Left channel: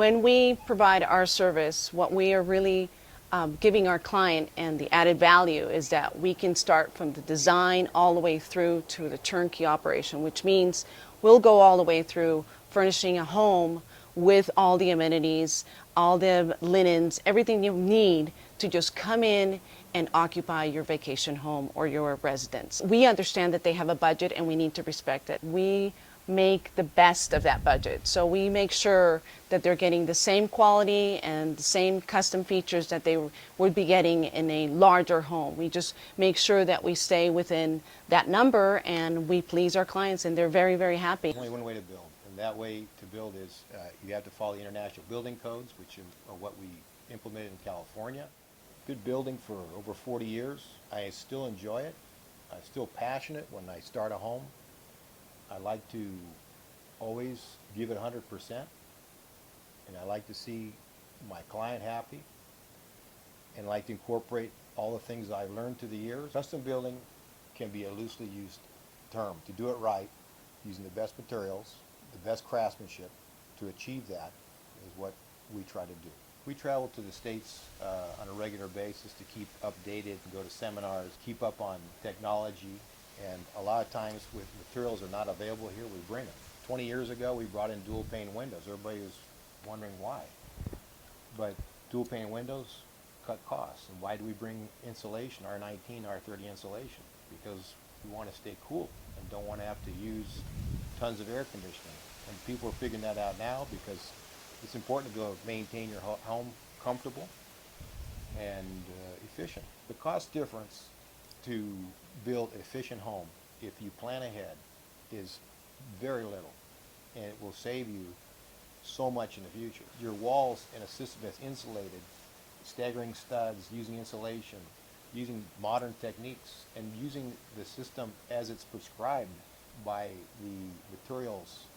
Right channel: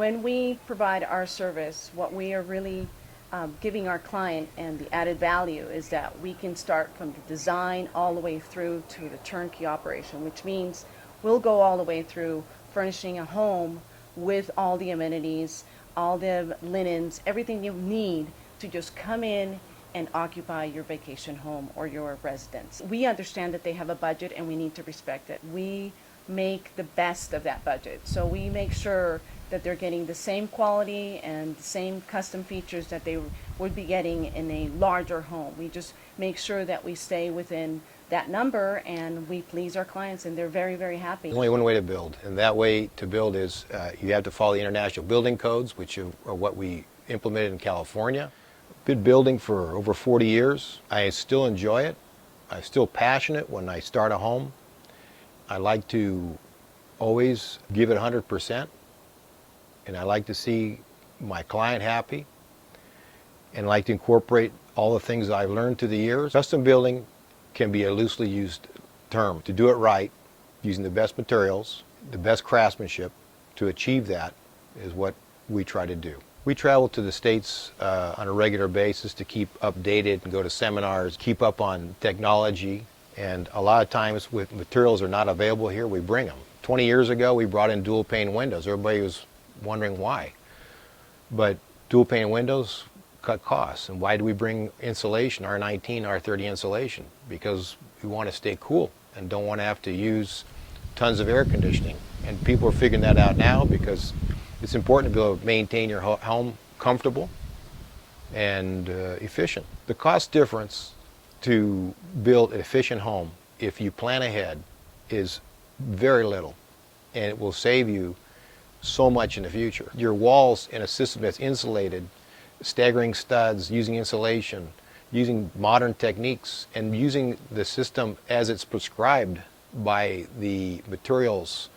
When we provide our service, what we are really giving our client and the added value is that we can start from the design all the way through to the turnkey operation, which means we'll go all the way through furnishing a home with all the amenities, all the linens, everything you need to just come in and occupy your vacation home or your residence. We understand that they have a budget and we need to respect it. We make the best of that budget. So we make sure that they're getting the same quality and the same custom features that they would be getting in a larger home. We just make sure that we stay within that number and we please our clients, and they're very, very happy. There's only one way to build, and that way to build is you have to follow the international building codes, which are what we implemented in California. Been building for over 40 years. I still enjoy it. I'm still passionate when I start a home. I like to always give it 100%, and I like to see my client happy, and like to incorporate all the things I've learned through the years. Custom building can be a loosely used term. To do it right, using the best materials, the best craftsmanship, to achieve that is what we try to do. We travel to the States on a regular basis to keep updated and go to seminars, keep up on technology, and a lot of times with materials are not available here, we bring them. 20 years ago, we brought in dual pane windows. Everybody was wondering why. But dual pane windows cut costs. And why do we bring insulation, R19, R30 insulation? Because we want to stay cool and don't want to have to use tons of air conditioning. And people are figuring that out now because it's important to be able to maintain your home comfortable and efficient. The cost difference to build an efficient home, if you plan ahead, is very little, and it will save you so much in the future. Your walls in a system that's insulated, staggering studs, using insulation, using modern techniques, and using the system as it's prescribed by the materials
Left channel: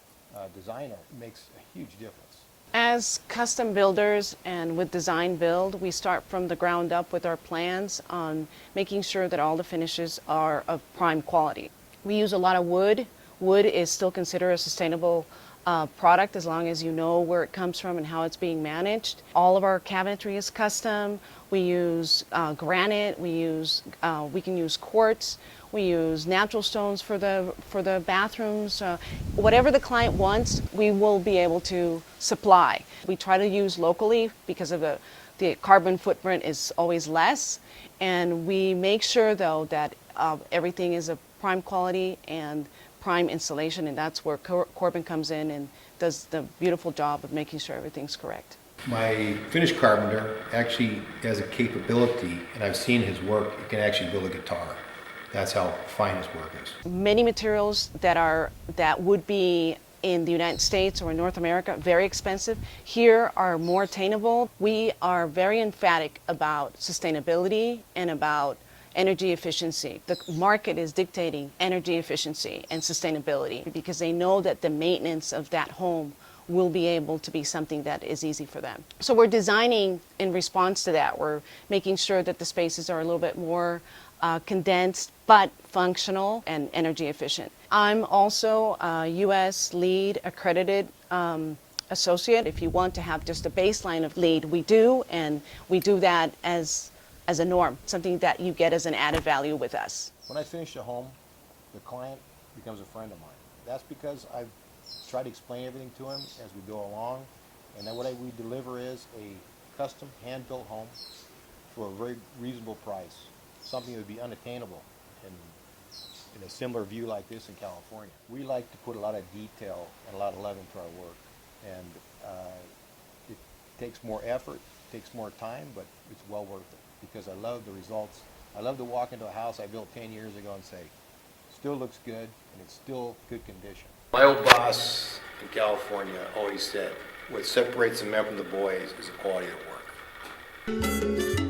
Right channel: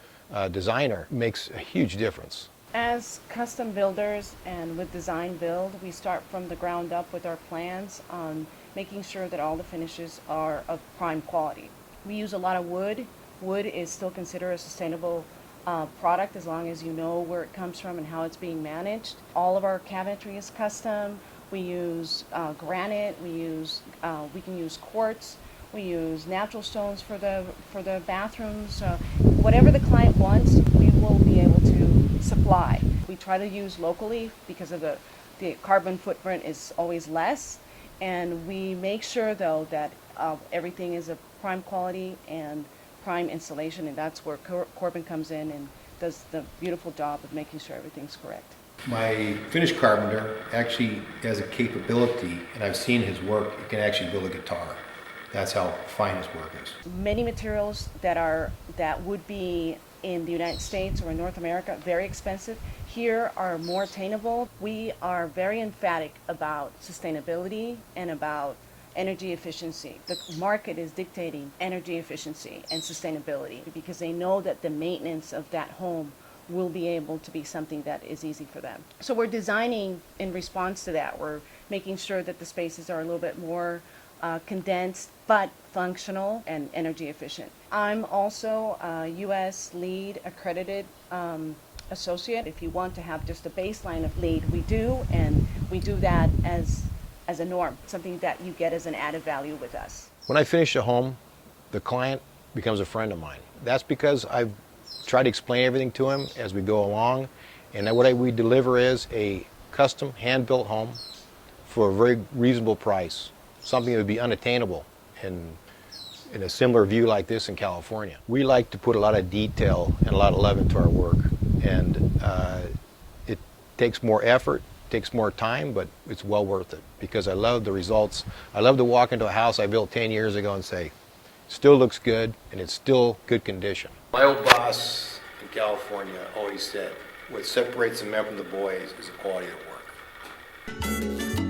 designer makes a huge difference. As custom builders and with design build, we start from the ground up with our plans on making sure that all the finishes are of prime quality. We use a lot of wood. Wood is still considered a sustainable product as long as you know where it comes from and how it's being managed. All of our cabinetry is custom. We use granite. We can use quartz. We use natural stones for the bathrooms. Whatever the client wants, we will be able to supply. We try to use locally because of the carbon footprint is always less. And we make sure, though, that everything is of prime quality and prime installation, and that's where Corbin comes in and does the beautiful job of making sure everything's correct. My finish carpenter actually has a capability, and I've seen his work, he can actually build a guitar. That's how fine his work is. Many materials that would be in the United States or in North America very expensive, here are more attainable. We are very emphatic about sustainability and about energy efficiency. The market is dictating energy efficiency and sustainability because they know that the maintenance of that home will be able to be something that is easy for them. So we're designing in response to that. We're making sure that the spaces are a little bit more condensed but functional and energy efficient. I'm also a U.S. LEED accredited associate. If you want to have just a baseline of LEED, we do, and we do that as a norm, something that you get as an added value with us. When I finish a home, the client becomes a friend of mine. That's because I've tried to explain everything to him as we go along, and what we deliver is a custom hand-built home for a very reasonable price, something that would be unattainable in a similar view like this in California. We like to put a lot of detail and a lot of love into our work, and it takes more effort, takes more time, but it's well worth it because I love the results. I love to walk into a house I built 10 years ago and say, still looks good and it's still good condition. My old boss in California always said, what separates the men from the boys is the quality of the work.